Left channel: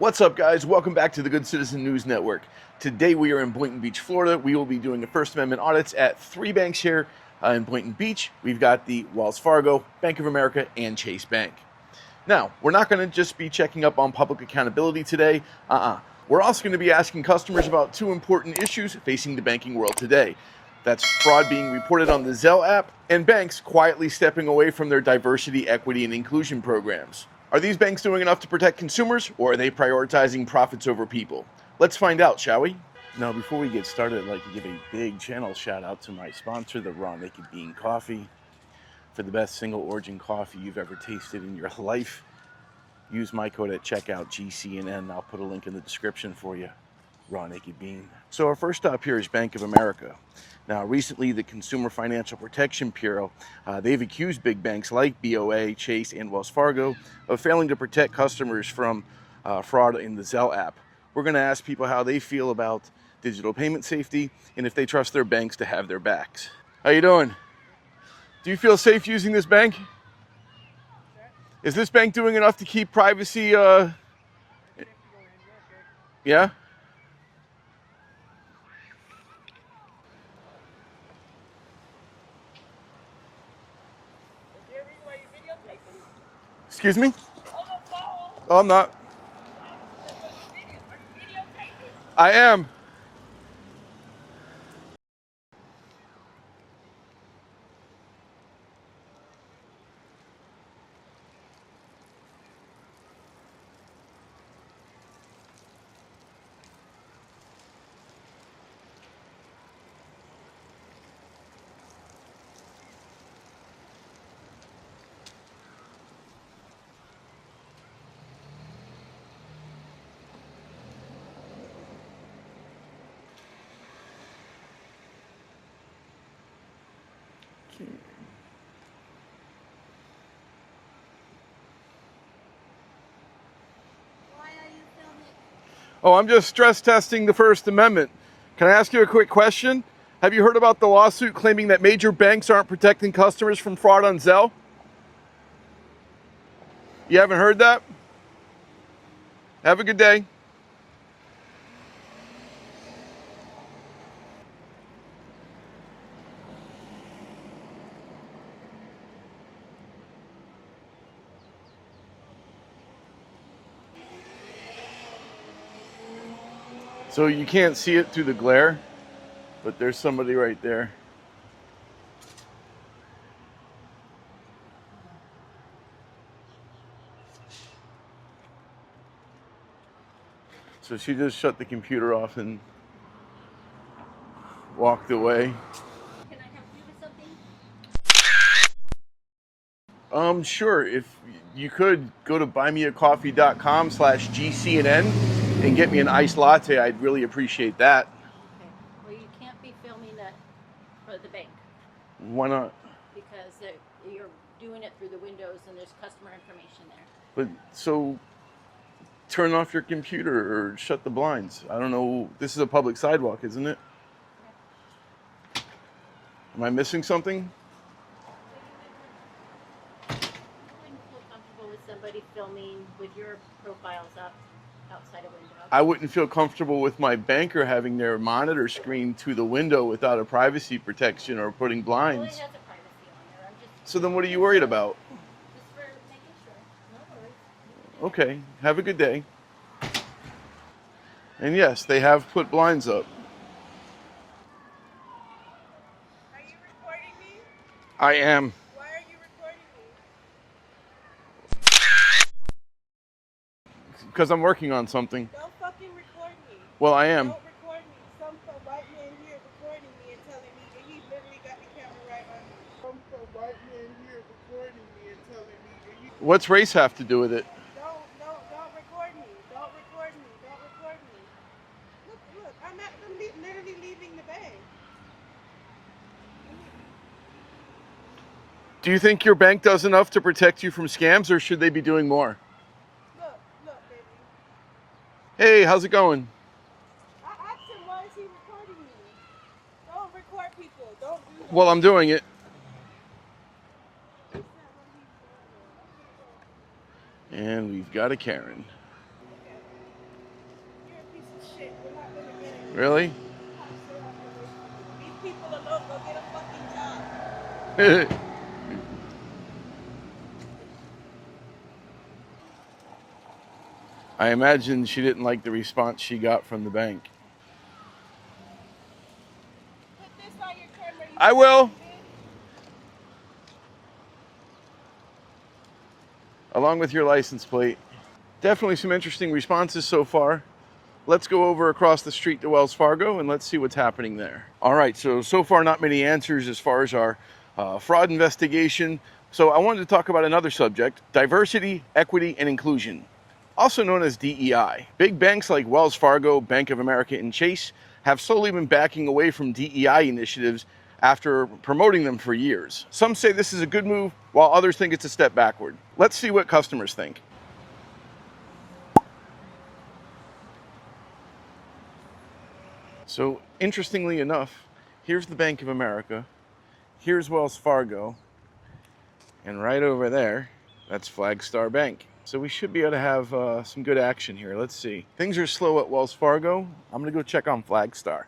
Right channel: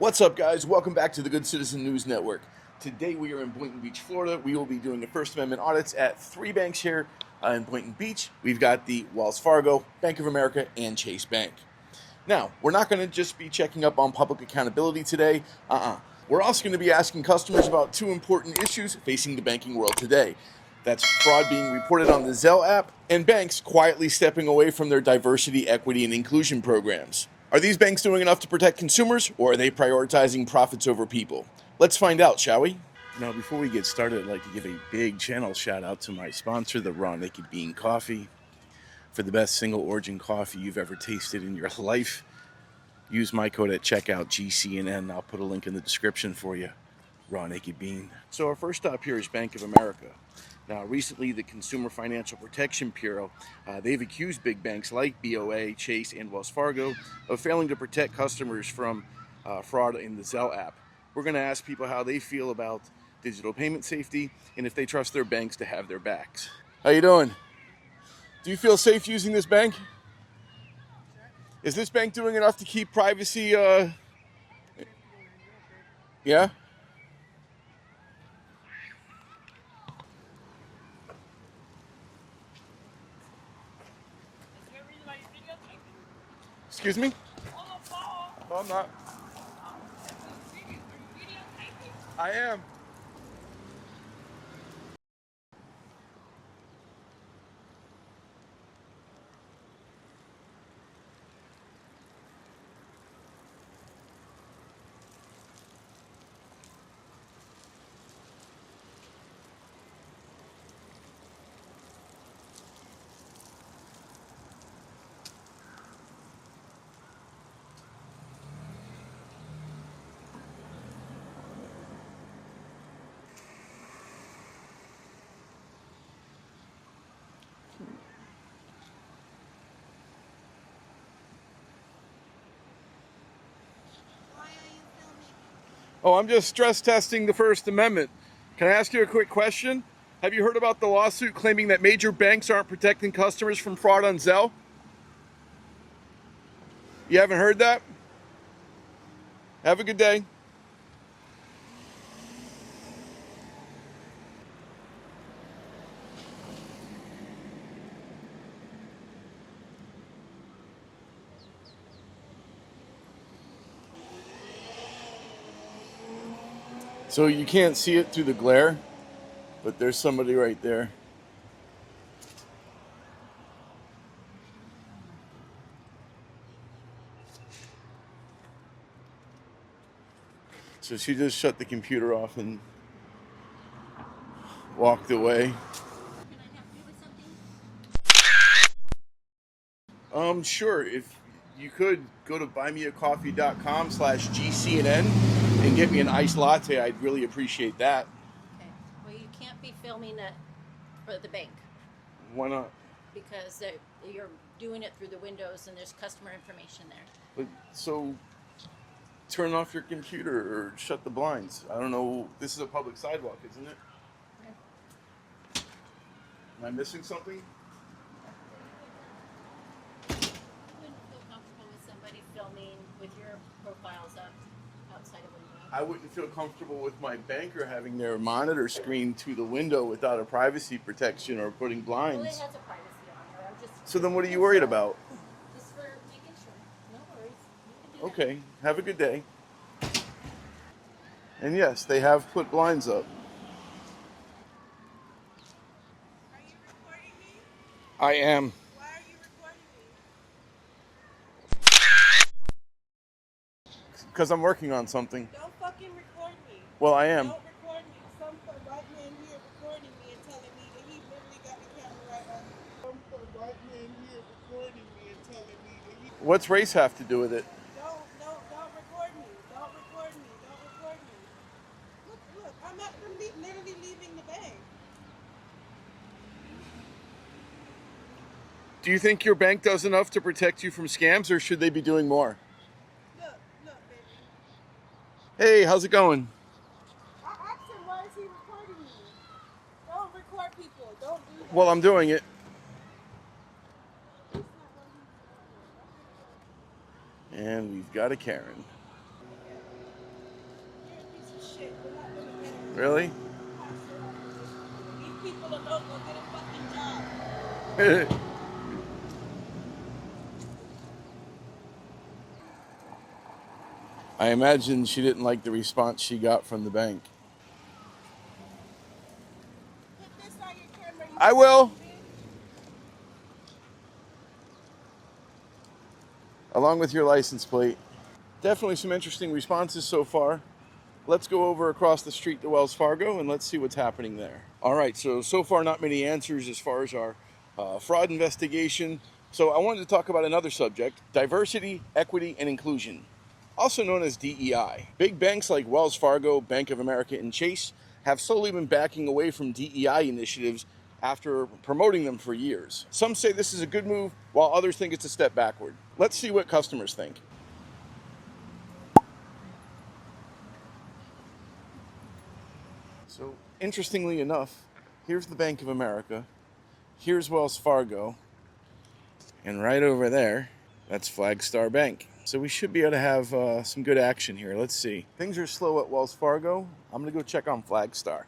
What's up, guys? Welcome back to the Good Citizen News Network. Today we are in Boynton Beach, Florida. We will be doing the First Amendment audits at three banks here in Boynton Beach. We've got the Wells Fargo, Bank of America, and Chase Bank. Now, we're not going to just be checking up on public accountability today. We're also going to be asking customers about two important issues facing the banking world today. That's fraud being reported on the Zelle app and banks quietly stepping away from their diversity, equity, and inclusion programs. Are these banks doing enough to protect consumers, or are they prioritizing profits over people? Let's find out, shall we? Now, before we get started, I'd like to give a big channel shout out to my sponsor, the Raw Naked Bean Coffee. For the best single origin coffee you've ever tasted in your life, use my code at checkout, GCNN. I'll put a link in the description for you. Raw Naked Bean. So our first stop here is Bank of America. Now, recently, the Consumer Financial Protection Bureau, they've accused big banks like BOA, Chase, and Wells Fargo of failing to protect customers from fraud in the Zelle app. We're going to ask people how they feel about digital payment safety and if they trust their banks to have their backs. How you doing? Do you feel safe using this bank? Sure. Is this bank doing enough to keep privacy? Yeah? Excuse me? Oh, I'm not. I am. Oh, I'm just stress testing the First Amendment. Can I ask you a quick question? Have you heard about the lawsuit claiming that major banks aren't protecting customers from fraud on Zelle? You haven't heard that? Have a good day. So you can't see it through the glare, but there's somebody right there. So she just shut the computer off and walked away. Can I help you with something? Sure. If you could go to buymeacoffee.com/GCNN and get me an iced latte, I'd really appreciate that. Okay. Well, you can't be filming that for the bank Why not? because you're doing it through the windows and there's customer information there. But so turn off your computer or shut the blinds. I don't know. This is a public sidewalk, isn't it? Okay. Am I missing something? I wouldn't feel comfortable with somebody filming with your profiles up outside of a window. I wouldn't feel comfortable with my banker having their monitor screen to the window without a privacy protection or putting Well, it blinds. has a privacy on there. I'm just. So then what are you worried about? Just for making sure. No worries. You can do Okay, have a good day. And yes, they have put blinds up. Are you recording me? I am. Why are you recording me? Because I'm working on something. Don't fucking record me. Well, I am. Don't record me. Some white man here recording me and telling me that he literally got the camera right on me. Some white man here recording me and telling me that he... What's race have to do with it? Don't record me. Don't record me. Don't record me. Look, I'm not literally leaving the bank. Do you think your bank does enough to protect you from scams, or should they be doing more? Look, baby. Hey, how's it going? I asked him, why is he recording me? Don't record people. Don't do that. Well, I'm doing it. And we've got a Karen. Really? These people are low, go get a fucking job. I imagine she didn't like the response she got from the bank. Put this on your camera. I will. Along with your license plate. Definitely some interesting responses so far. Let's go over across the street to Wells Fargo and let's see what's happening there. All right, so far not many answers as far as our fraud investigation. So I wanted to talk about another subject, diversity, equity, and inclusion, also known as DEI. Big banks like Wells Fargo, Bank of America, and Chase have slowly been backing away from DEI initiatives after promoting them for years. Some say this is a good move, while others think it's a step backward. Let's see what customers think. So interestingly enough, here's the Bank of America, here's Wells Fargo, and right over there, that's Flagstar Bank. So we should be able to have some good action here. Let's see. Things are slow at Wells Fargo. I'm gonna go check on Flagstar.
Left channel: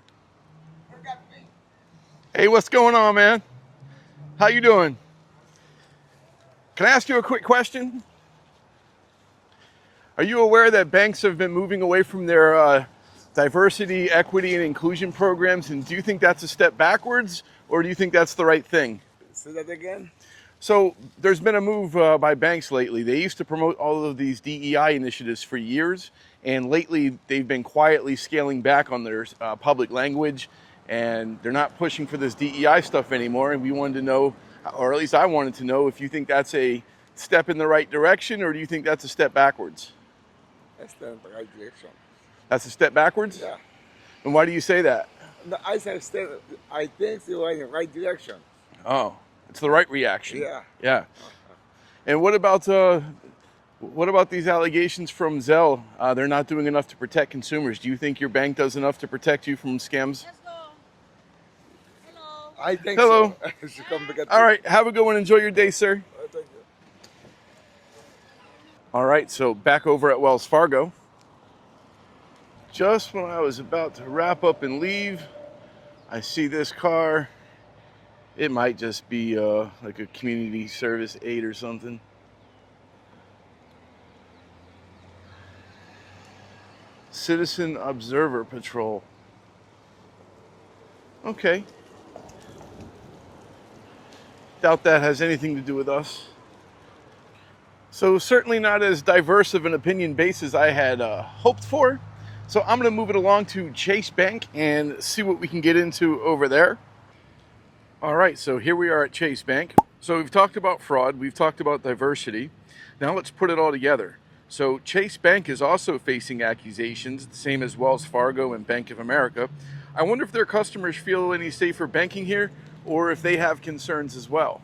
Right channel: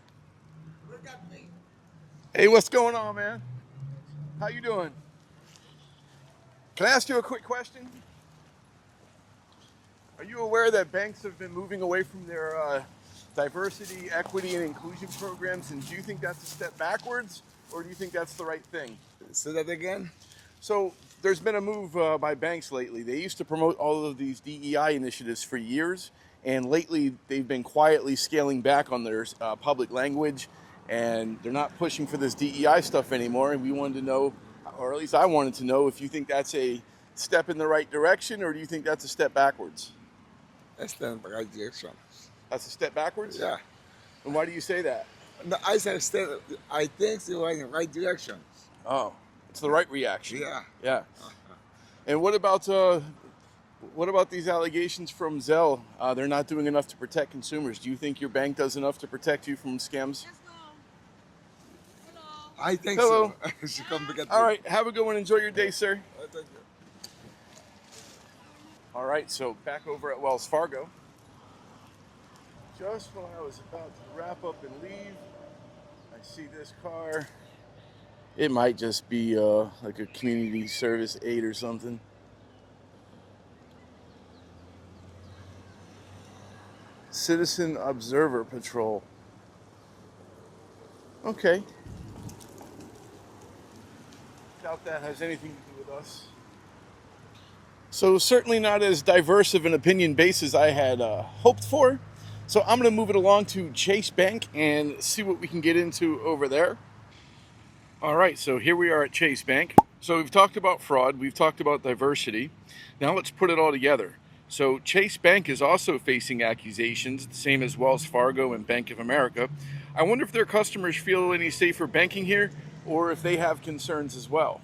Hey, what's going on, man? How you doing? Can I ask you a quick question? Are you aware that banks have been moving away from their diversity, equity, and inclusion programs? And do you think that's a step backwards, or do you think that's the right thing? Say that again? So there's been a move by banks lately. They used to promote all of these DEI initiatives for years, and lately they've been quietly scaling back on their public language, and they're not pushing for this DEI stuff anymore. And we wanted to know, or at least I wanted to know, if you think that's a step in the right direction, or do you think that's a step backwards? That's the right direction. That's a step backwards? Yeah. And why do you say that? No, I think it's the right direction. Oh, it's the right reaction. Yeah. Yeah. And what about these allegations from Zelle? They're not doing enough to protect consumers. Do you think your bank does enough to protect you from scams? Let's go. Hello. I think Hello. so. She come to get All me. right. Have a good one. Enjoy your day, sir. Thank you. All right. So back over at Wells Fargo. Just when I was about to wrap up and leave, I see this car. It might just be like a community service aid or something. Citizen Observer Patrol. Okay. Doubt that has anything to do with us. So certainly not as diverse of an opinion base as I had hoped for. So I'm going to move it along to Chase Bank and see what we can get into over there. All right, so here we are at Chase Bank. So we've talked about fraud, we've talked about diversity. Now let's put it all together. So Chase Bank is also facing accusations, the same as Wells Fargo and Bank of America. I wonder if their customers feel any safer banking here, or if they have concerns as well.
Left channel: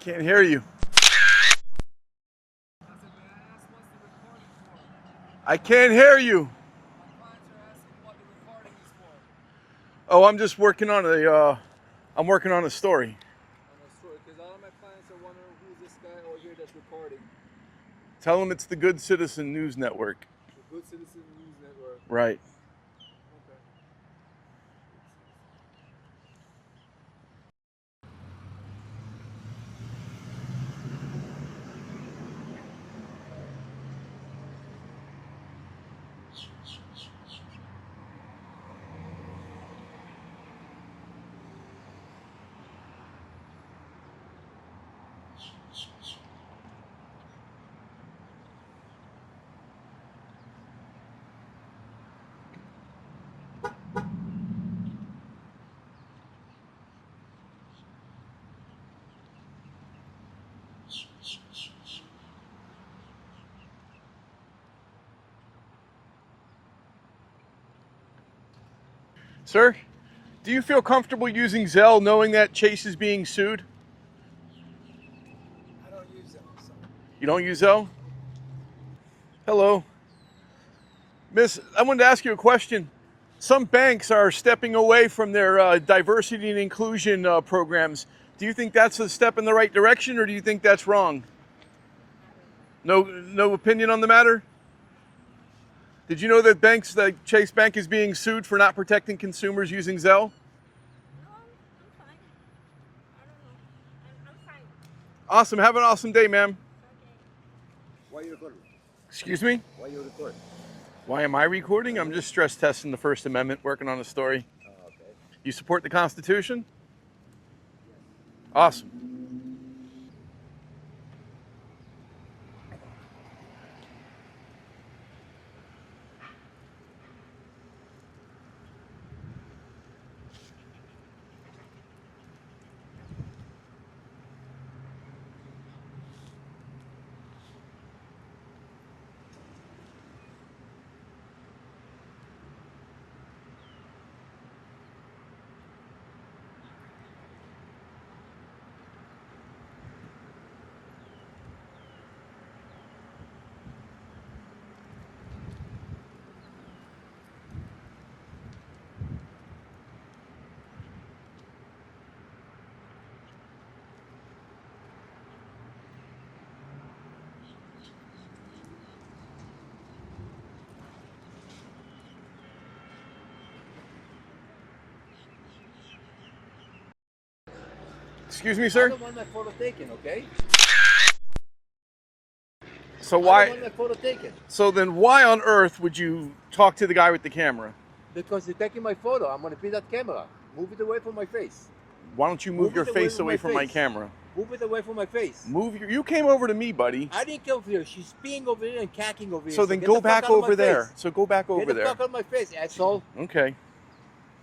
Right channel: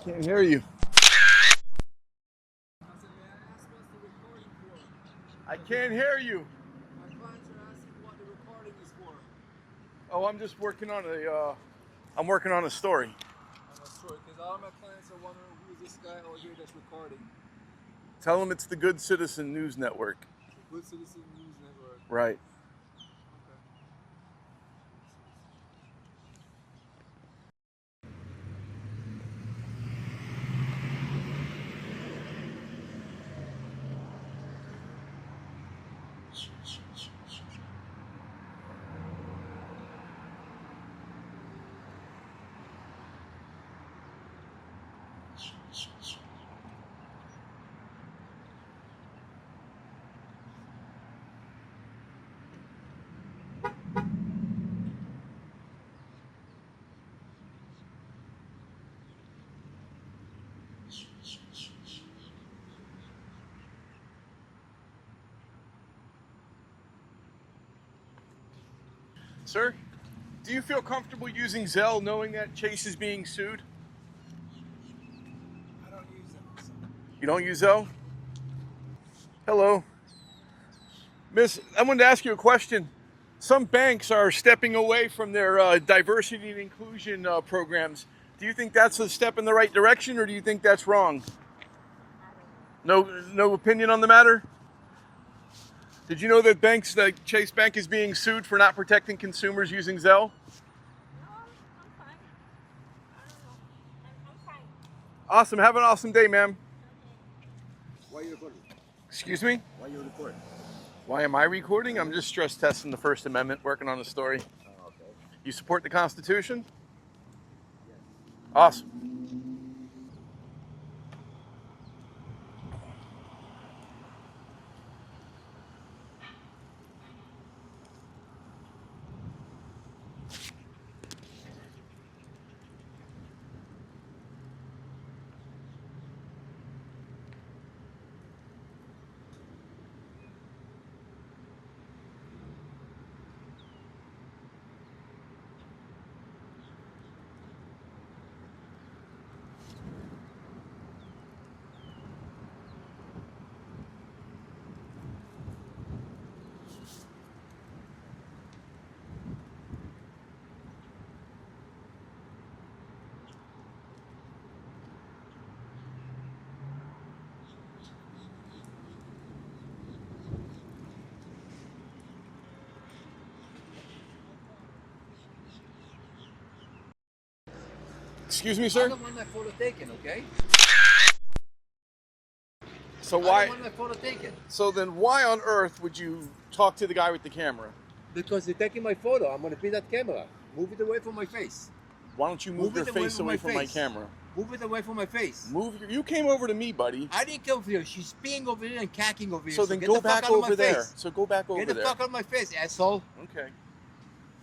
Can't hear you. I can't hear you. Oh, I'm just working on I'm working on a story. Because all my clients are wondering who's this guy over here that's recording. Tell them it's the Good Citizen News Network. The Good Citizen News Network. Right. Okay. Sir, do you feel comfortable using Zelle knowing that Chase is being sued? I don't use them. So. You don't use Zelle? Hello. Miss, I wanted to ask you a question. Some banks are stepping away from their diversity and inclusion programs. Do you think that's a step in the right direction, or do you think that's wrong? No opinion on the matter? Did you know that banks like Chase Bank is being sued for not protecting consumers using Zelle? No, I'm fine. I don't know. I'm fine. Awesome. Have an awesome day, ma'am. Okay. Why are you recording? Excuse me? Why are you recording? Why am I recording? I'm just stress testing the First Amendment, working on a story. Oh, okay. You support the Constitution? Awesome. Excuse me, I sir? don't want my photo taken, okay? So I why? don't want my photo taken. So then, why on earth would you talk to the guy with the camera? Because you're taking my photo. I'm gonna pin that camera. Move it away from my face. Why don't you move your it away face from away my from my face. camera? Move it away from my face. You came over to me, buddy. I didn't come here. She's peeing over here and cacking over here. So then get go the fuck back out of my over there. face. So go back over Get the there. fuck out of my face, asshole. Okay.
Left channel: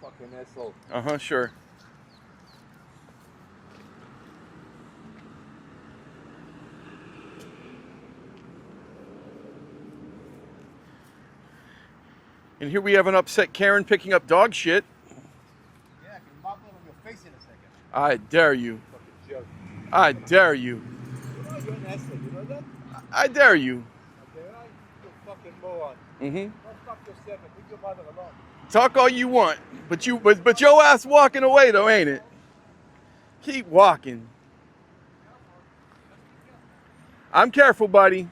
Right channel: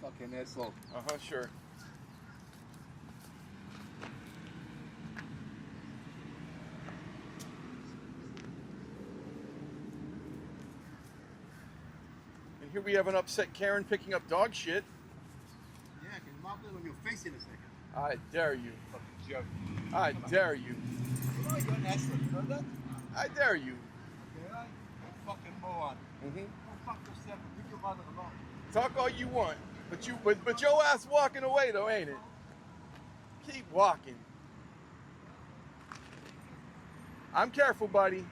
Fucking asshole. Uh-huh, sure. And here we have an upset Karen picking up dog shit. Yeah, I can mop that on your face in a second. I dare you. Fucking jerk. I dare you. You know you're an asshole. You know that? I dare you. Okay, right? You fucking moron. Mm-hmm. Go fuck yourself and leave your mother alone. Talk all you want, but your ass walking away though, ain't it? Keep walking. I'm careful, buddy.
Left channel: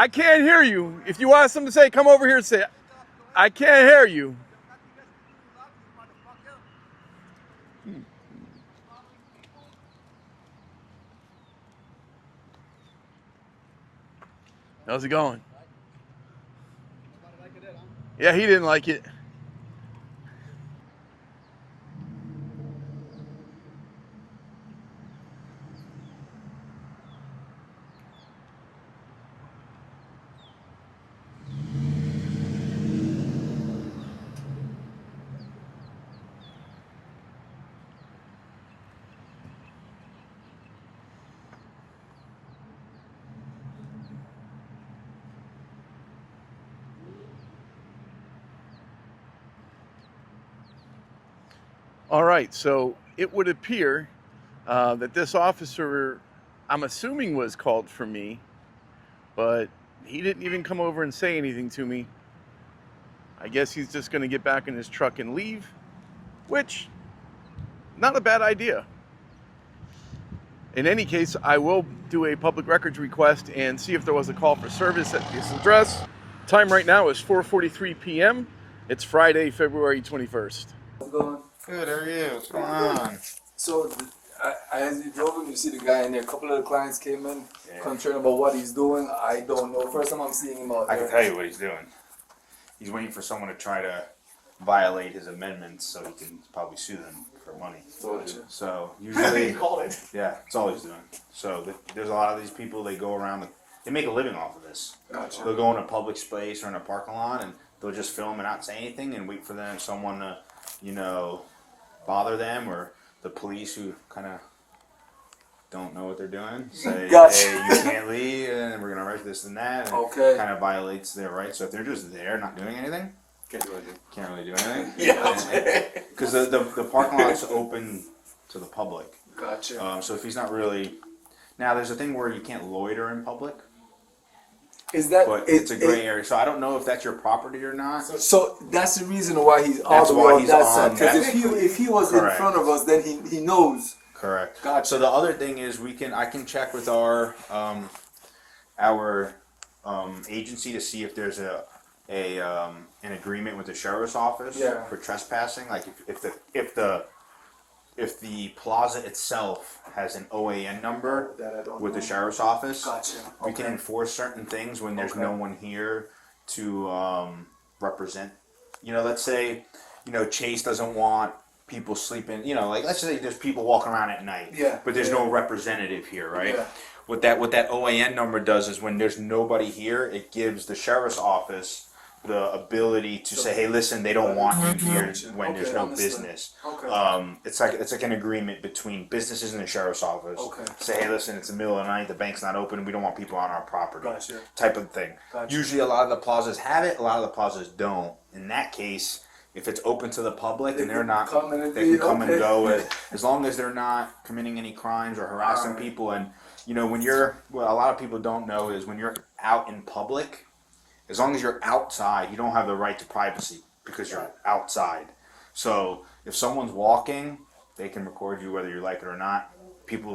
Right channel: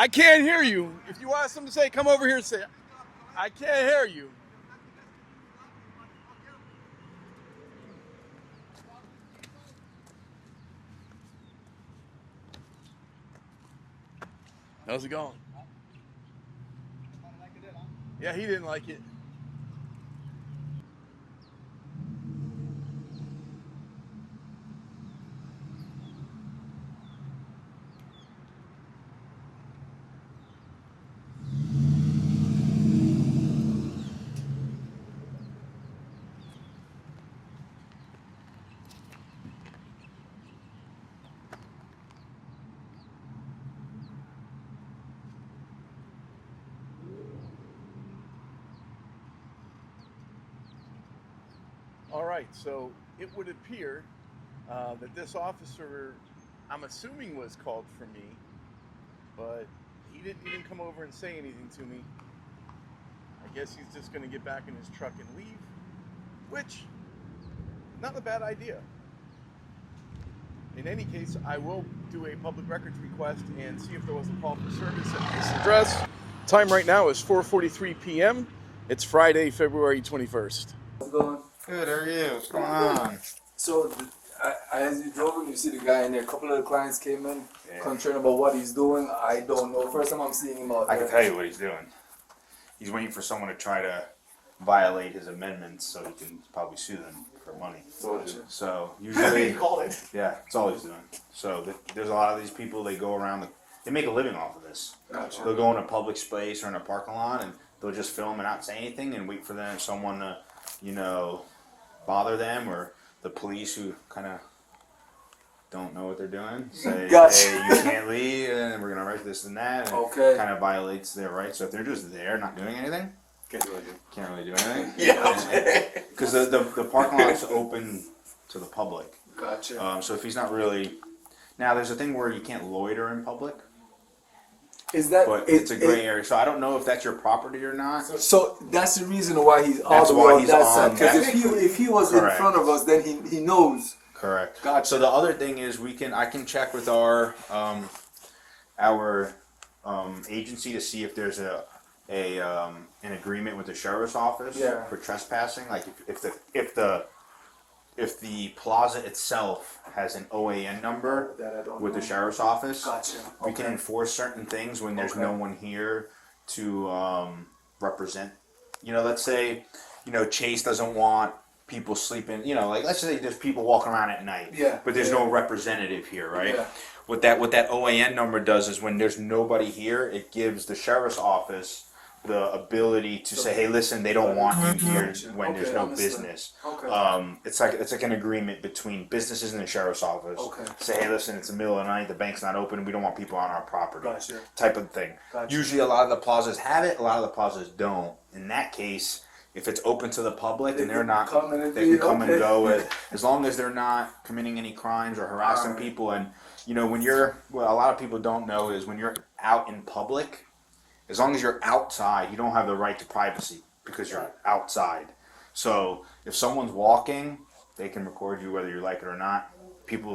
I can't hear you. If you want something to say, come over here and say it. I can't hear you. How's it going? Yeah, he didn't like it. All right, so it would appear that this officer, I'm assuming, was called for me, but he didn't even come over and say anything to me. I guess he's just going to get back in his truck and leave, which, not a bad idea. In any case, I will do a public records request and see if there was a call for service at this address. Time right now is 4:43 p.m. It's Friday, February 21st. How's it going? Good, how are you? What's going on? So, as you drove in, you see the guy in there. A couple of the clients came in, concerned about what he's doing. I don't know. First time I'm seeing him out I there. can tell you what he's doing. He's waiting for someone to try to violate his amendments so he can probably sue them for money. Gotcha. So usually, called it. yeah, that's all he's doing. So there's a lot of these people. They go around. They make a living off of this. Gotcha. They'll go in a public space or in a parking lot and they'll just film and not say anything and wait for someone to, bother them, or the police who kind of don't know what they're doing say, Gotcha. hey, you can't leave, and we're gonna arrest this and that, and Okay. kind of violates their rights. So if they're just there, not doing anything, Can't do anything. Can't really do anything. Yeah. Because the parking lot's open to the public. Gotcha. So if he's not really, now there's a thing where you can't loiter in public, Is that? but it's a gray area. So I don't know if that's your property or not. So that's the reason why he's all That's the why way on he's that on side. Because that. if he was Correct. in front of us, then he knows. Correct. Gotcha. So the other thing is I can check with our agency to see if there's an agreement with the sheriff's office Yeah. for trespassing. Like if the plaza itself has an OAN number That I don't with the know. sheriff's office, Gotcha. we can enforce certain things when there's Okay. no one here to represent. Let's say, Chase doesn't want people sleeping. Like let's say there's people walking around at night. Yeah. But there's no representative here, right? Yeah. What that OAN number does is when there's nobody here, it gives the sheriff's office the ability to say, hey, listen, they don't want you here when there's no understood. business. Okay. It's like an agreement between businesses and the sheriff's office. Okay. Say, hey, listen, it's the middle of the night, the bank's not open, we don't want people on our property. Gotcha. Type of thing. Gotcha. Usually a lot of the plazas have it, a lot of the plazas don't. In that case, if it's open to the public They and they're can not, come and they can come okay. and go as long as they're not committing any crimes or harassing Alright. people. And when what a lot of people don't know is when you're out in public, as long as you're outside, you don't have the right to privacy because you're outside. So if someone's walking, they can record you whether you like it or not.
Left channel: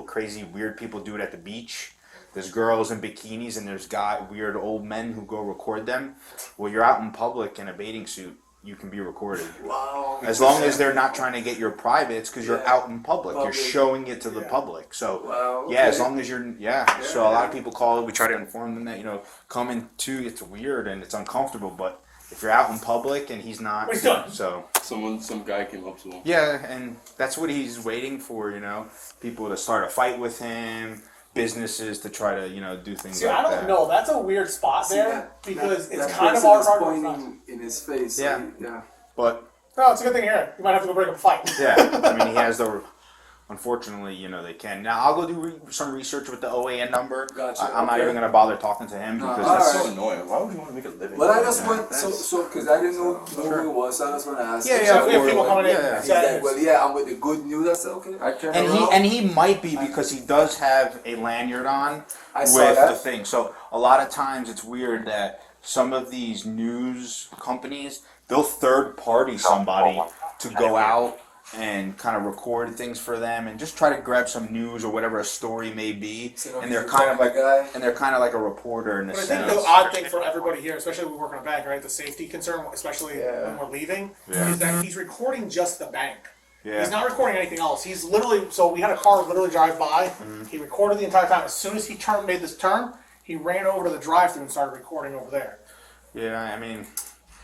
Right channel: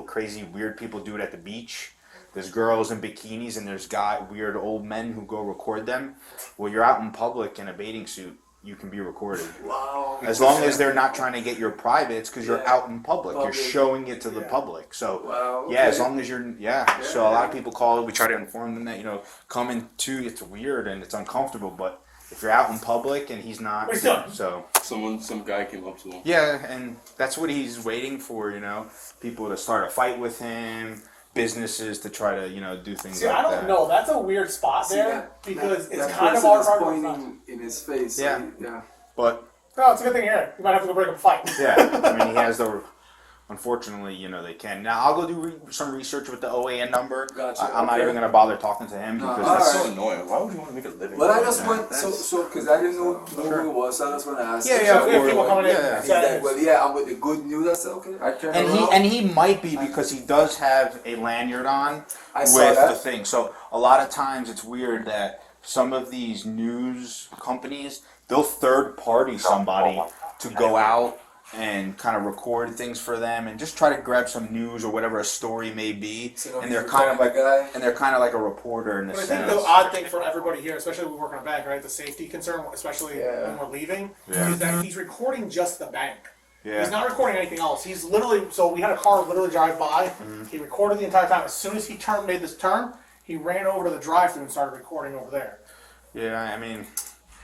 Crazy, weird people do it at the beach. There's girls in bikinis and there's weird old men who go record them. Well, you're out in public in a bathing suit, you can be recorded. Wow. As long as they're not trying to get your privates, because you're Yeah. out in public. You're showing it to the public. So, Wow, yeah, as okay. long as you're, So a lot of people call it, we try to inform them that, coming to, it's weird and it's uncomfortable, but if you're out in public and he's not, What he's done. so. Some guy came up to him. Yeah, and that's what he's waiting for, people to start a fight with him, businesses to try to, do things See, like I don't that. know. That's a weird spot See, there because it's that kind of person our is hard pointing in his face. Yeah. Like, yeah. But No, it's a good thing here. You might have to go break up a fight. yeah, I mean, he has unfortunately, they can. Now, I'll go do some research with the OAN number. Gotcha, I'm not okay. even going to bother talking to him No, because all that's right. So annoying. Why would you want to make a living? But I just went because I didn't know who it was, so I just want to ask. Yeah, him. yeah, So we have of people course. coming in. Yeah. He's like, well, yeah, I'm with the good news. I said, okay. I can. And he might be because he does have a lanyard on I saw with that. the thing. So a lot of times it's weird that some of these news companies, they'll third party somebody to go out and kind of record things for them and just try to grab some news or whatever a story may be. So And they're he's kind of the like guy. a reporter in a But I think sense. the odd thing for everybody here, especially when we work on a bank, right? The safety concern, especially when we're leaving, Yeah. is that he's recording just the bank. Yeah. He's not recording anything else. He's literally, so we had a car literally drive by. Mm-hmm. He recorded the entire time. As soon as he made this turn, he ran over to the drive-thru and started recording over there. Yeah, I mean,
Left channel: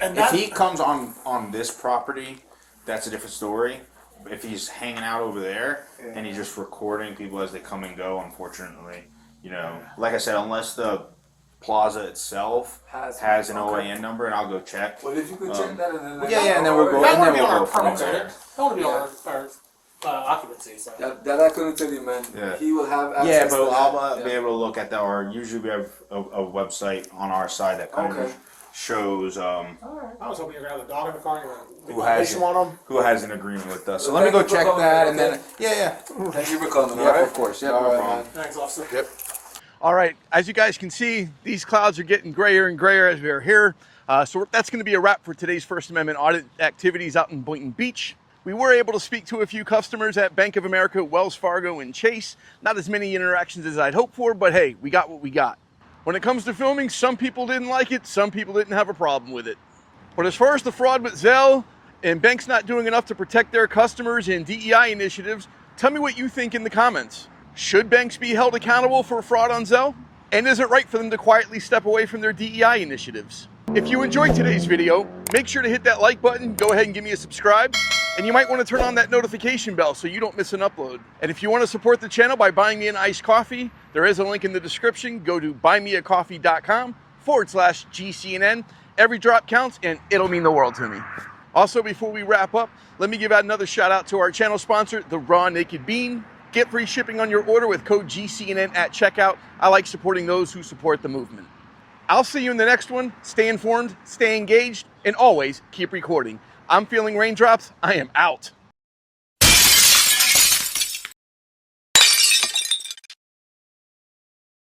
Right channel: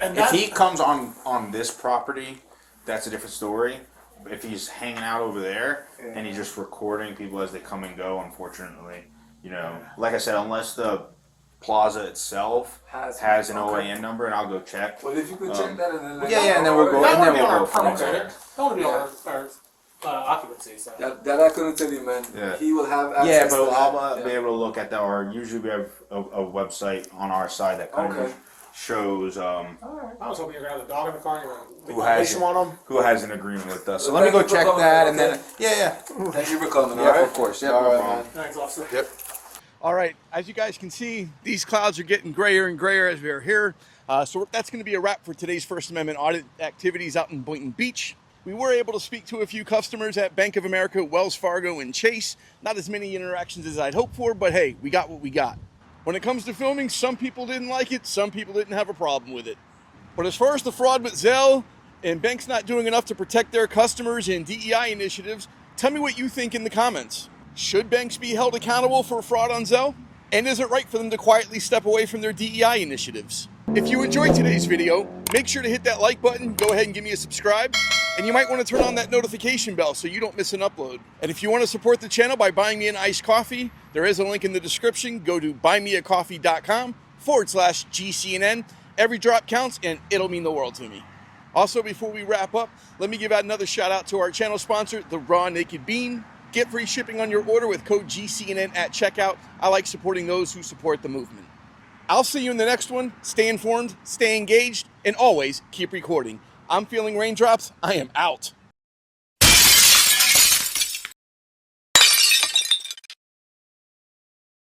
And if he comes on this property, that's a different story. If he's hanging out over there and he's just recording people as they come and go, unfortunately, like I said, unless the plaza itself has an OAN number, and I'll go check. Well, if you could check that and then let Yeah, me and then know. we'll go. that And would then be on we'll our go from permit, there. right? That would be on our occupancy. So. That I couldn't tell you, man. Yeah. He will have Yeah, access but to I'll that. be able to look at that. Or usually we have a website on our side that kind Okay. of shows I was hoping you were going to have the dog in the car and you who were has information on them. who has an agreement with us. So Well, let me go thank you for check coming, that, and okay? then yeah. Thank you for coming, Yeah, alright? of course. Yeah, All no right, problem. man. Thanks, officer. Yep. All right, as you guys can see, these clouds are getting grayer and grayer as we're here. So that's going to be a wrap for today's First Amendment audit activities out in Boynton Beach. We were able to speak to a few customers at Bank of America, Wells Fargo, and Chase. Not as many interactions as I'd hoped for, but hey, we got what we got. When it comes to filming, some people didn't like it, some people didn't have a problem with it. But as far as the fraud with Zelle and banks not doing enough to protect their customers and DEI initiatives, tell me what you think in the comments. Should banks be held accountable for fraud on Zelle? And is it right for them to quietly step away from their DEI initiatives? If you enjoyed today's video, make sure to hit that like button, go ahead and give me a subscribe, and you might want to turn on that notification bell so you don't miss an upload. And if you want to support the channel by buying me an iced coffee, there is a link in the description. Go to buymeacoffee.com/GCNN. Every drop counts and it'll mean the world to me. Also, before we wrap up, let me give out another shout out to our channel sponsor, The Raw Naked Bean. Get free shipping on your order with code GCNN at checkout. I like supporting those who support the movement. I'll see you in the next one. Stay informed, stay engaged, and always keep recording. I'm feeling raindrops. I am out.